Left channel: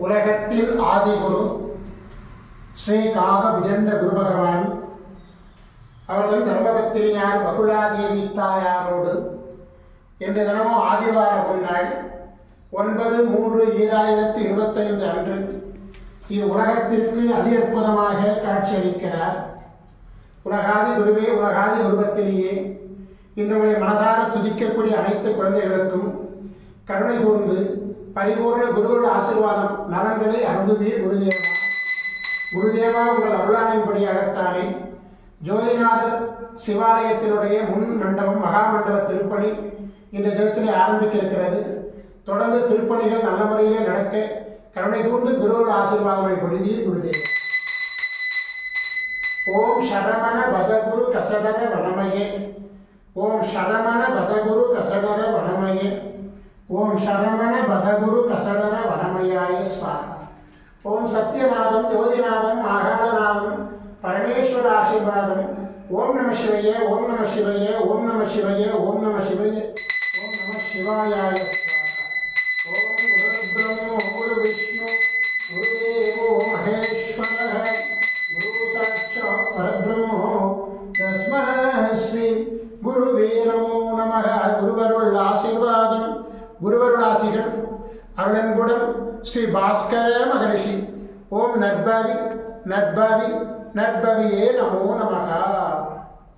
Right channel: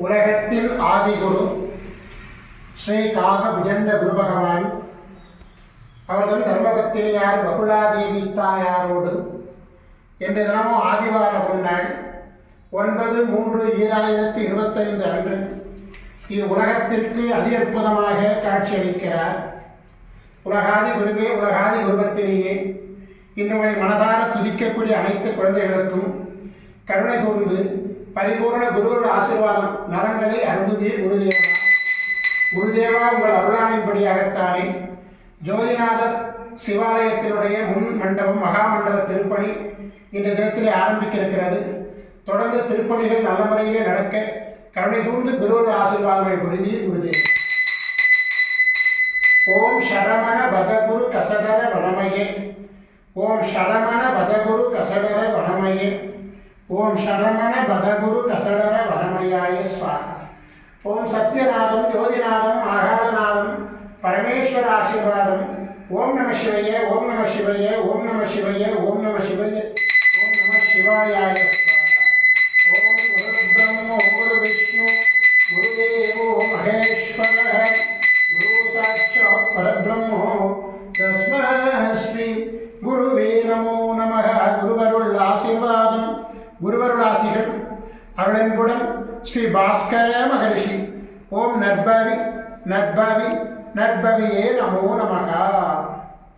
உலகத்தின் ஆதிகுரு ஸ்ரீ காக விஜண்ட குரு பகவான் அவர்தம் தர்மபத்தினியார் பகுலாதேவி தாயாரோடு இன்று தினமும் ஆதிவார பொன்னாள் 9/3/2025 அன்று இவ்வுலகத்திற்கு அதி அற்புதமாக காட்சியளிக்கிறார். உலகாதி குருவே, உலகாதி குருபத்தினியே, இன்னும் மனதார துதிக்கக்கூடிய அனைத்து குழந்தைகளுக்கும் கருணை கூர்ந்து பரிபூர்ண குருவோட ஆசீர்வாதம் நலன்களை அருள்வீர் குருதேவா. குருதேவா, உங்கள் அருளானின்படியாகத்தானே ஜோதிநாதர் சிவாலயத்தினுடைய முன் மண்டபம் மகா மண்டப திருப்பணி இந்த தினத்திலே ஆரம்பிக்க இருக்கிறது. தொடர்ந்து திருப்பணிகள் நல்ல முறையிலே நடக்க கருணை கூர்ந்து குருவோட ஆசீர்வாதங்களை கொடுவீர் குருதேவா. ஓம் சரமண பதகுரு கசடர வனமயே, ஓம் சரமண பதகுரு கசடர வனமயே, ஓம் சரமண பதகுரு கசடர வனமயாய ஸ்வாகா. ஓம் சத்யநாதம் யோதிநாதம் ஆகாரநாதம் பரமேஸ்வர ஆசீர்வாதம். ஓம் நம சிவைய, ஓம் நம சிவைய, ஓம் நம சிவைய, ஓம் நம சிவைய, ஓம் நம சிவாயாய ஸ்வாகா. ஓம் குரு பிரம்மோ குரு விஷ்ணு குருதேவோ மகேஸ்வர குரு சாட்சாத் பரபிரம்மோ தஸ்மை ஸ்ரீ குருவே நமோ நமः. குருவருள் ஆசீர்வாதம், குருவருள் ஆசிகள் அருளன்புடன் ஸ்ரீ பாஸ்கர மகரிஷி. ஓம் நற்பவி நற்பவி நற்பவியே நமோ நமः.